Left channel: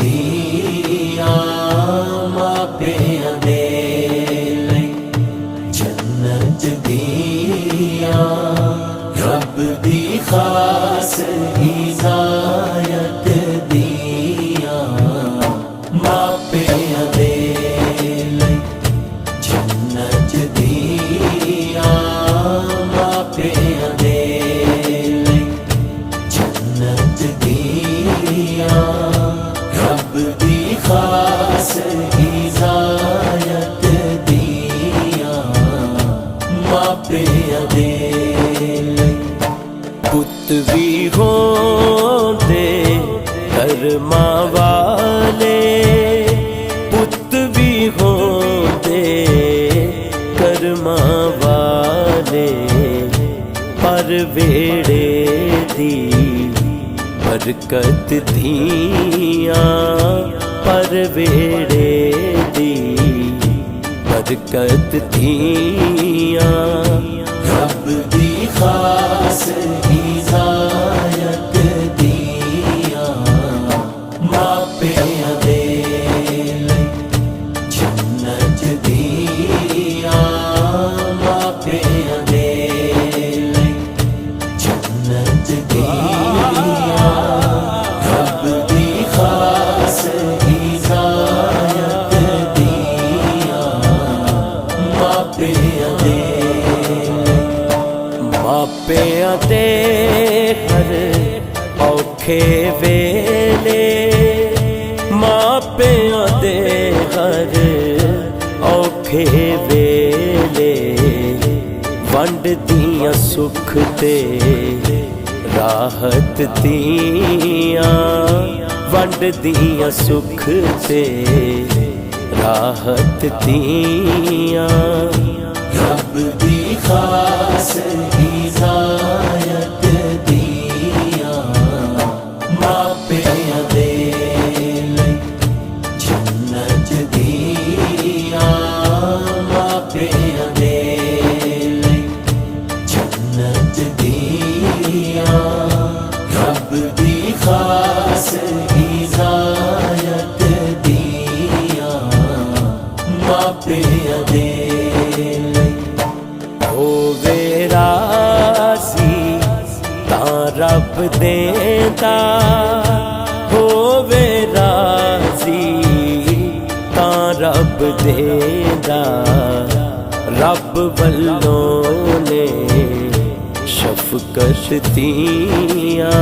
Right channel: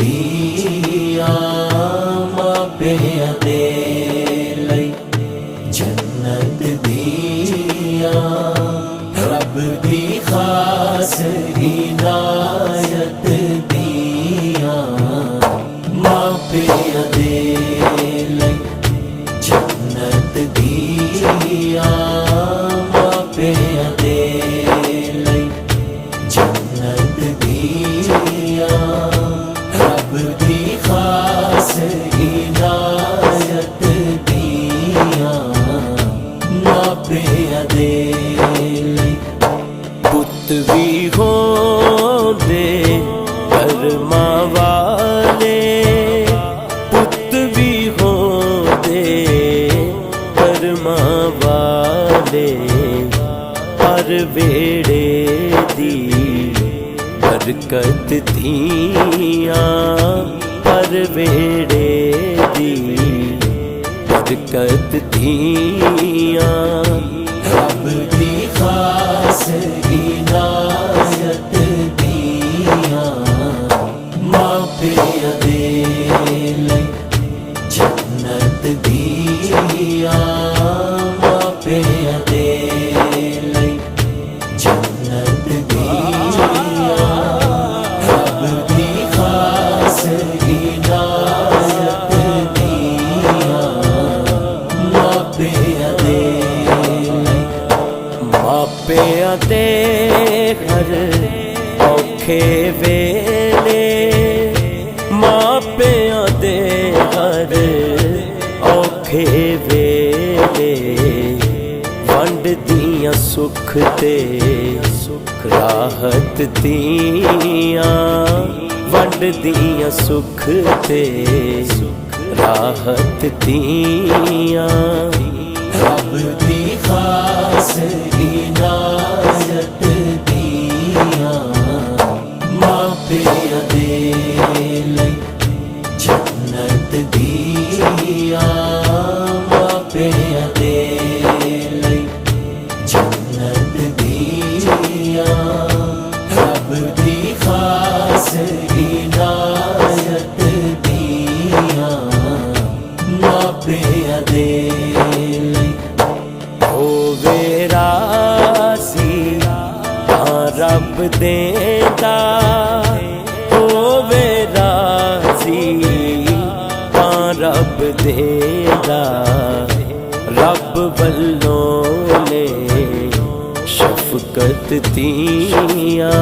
दिया मापिया दे लई जन्नत दिया रब दी खास हिदायत दिया मापिया दे लई जन्नत दिया मापिया दे लई जन्नत दिया रब दी खास हिदायत दिया मापिया दे पुत भी होंदे कर्मा वाले पुत भी होंदे कर्मा वाले पर वेड़े दी बरकत दिया पर वेड़े दी बरकत दिया रब दी खास हिदायत दिया मापिया दे लई जन्नत दिया मापिया दे लई जन्नत दिया रब दी खास हिदायत दिया मापिया दे मापिया दे हर औखे वेले मापिया दे हर औखे वेले वंड दियां सुख ते राहत दियां वंड दियां सुख ते राहत दियां रब दी खास हिदायत दिया मापिया दे लई जन्नत दिया मापिया दे लई जन्नत दिया रब दी खास हिदायत दिया मापिया दे होवे राज़ी तां रब देंदा होवे राज़ी तां रब देंदा रब वल्लों ने शफकत दिया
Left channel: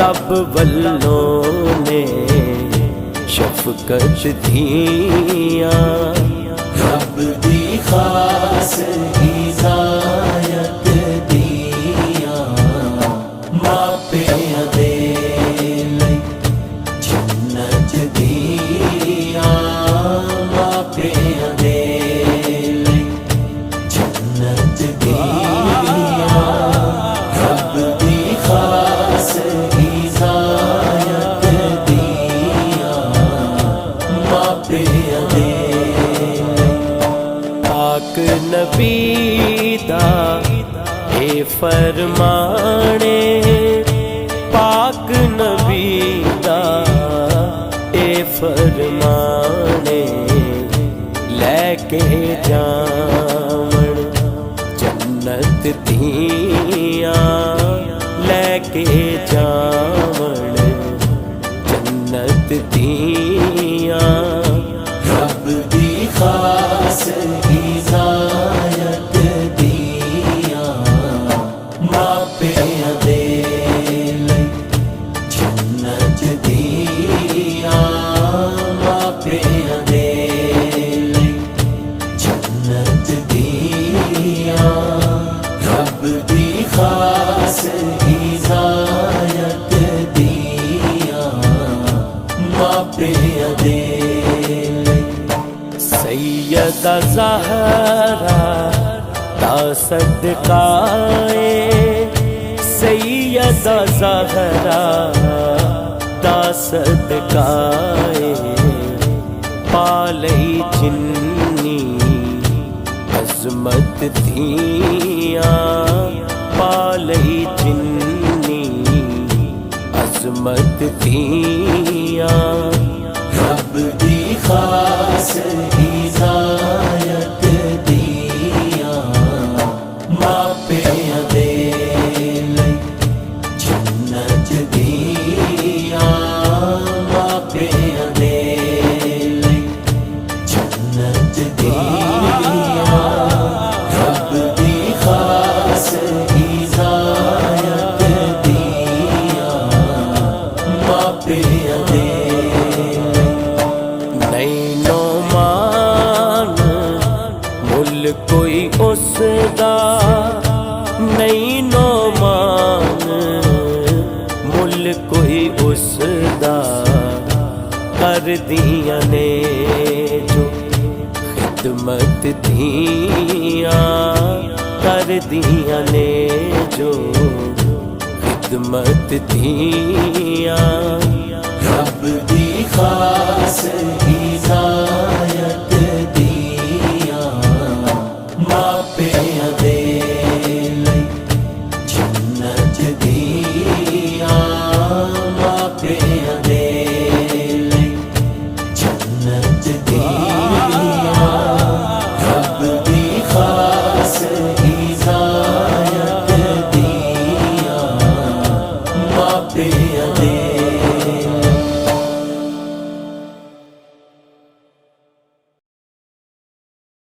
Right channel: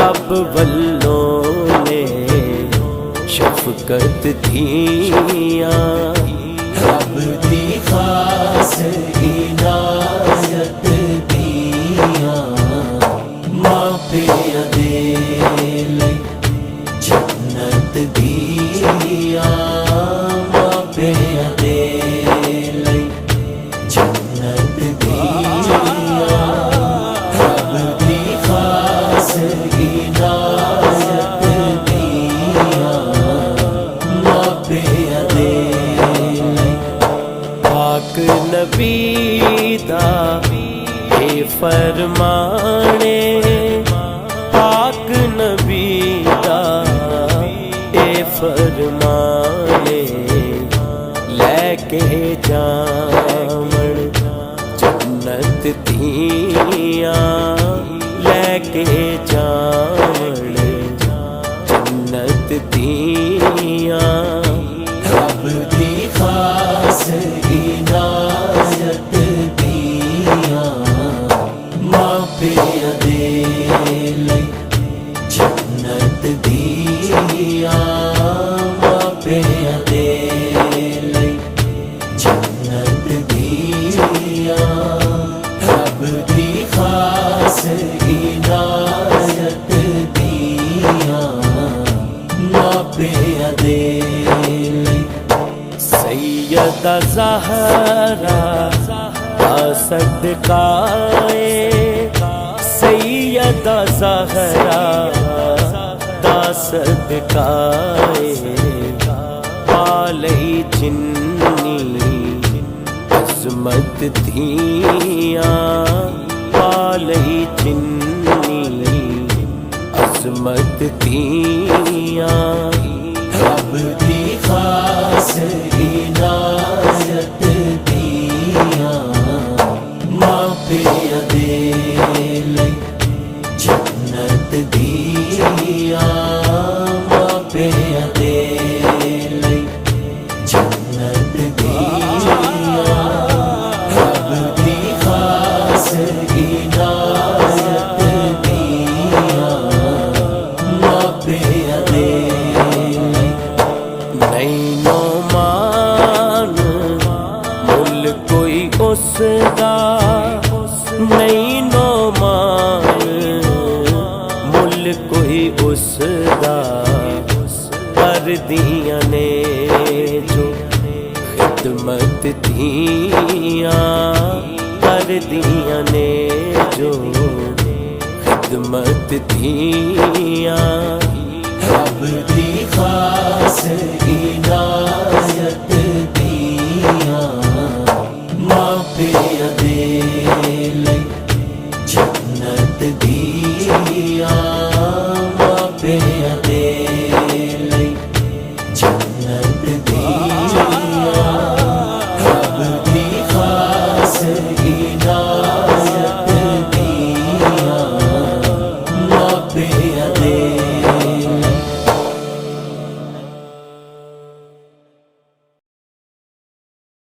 रब वल्लों ने शफकत दिया रब दी खास हिदायत दिया मापिया दे लई जन्नत दिया मापिया दे लई जन्नत दिया रब दी खास हिदायत दिया मापिया दे पाक नबी दा ए फरमाने पाक नबी दा ए फरमाने लेके जावण जन्नत दिया लेके जावण जन्नत दिया रब दी खास हिदायत दिया मापिया दे लई जन्नत दिया मापिया दे लई जन्नत दिया रब दी खास हिदायत दिया मापिया दे सैयदा ज़हरा दा सदकाए सैयदा ज़हरा दा सदकाए पालई जिन्नी अज़मत दिया पालई जिन्नी किस्मत दियां रब दी खास इनायत दियां मापियां दे जन्नत दियां मापियां दे जन्नत दियां रब दी खास इनायत दियां मापियां दे नहीं नो मान मुल कोई उसदा नहीं नो मान मुल कोई उसदा कर दियां ने जो खिदमत दियां कर दियां ने जो खिदमत दियां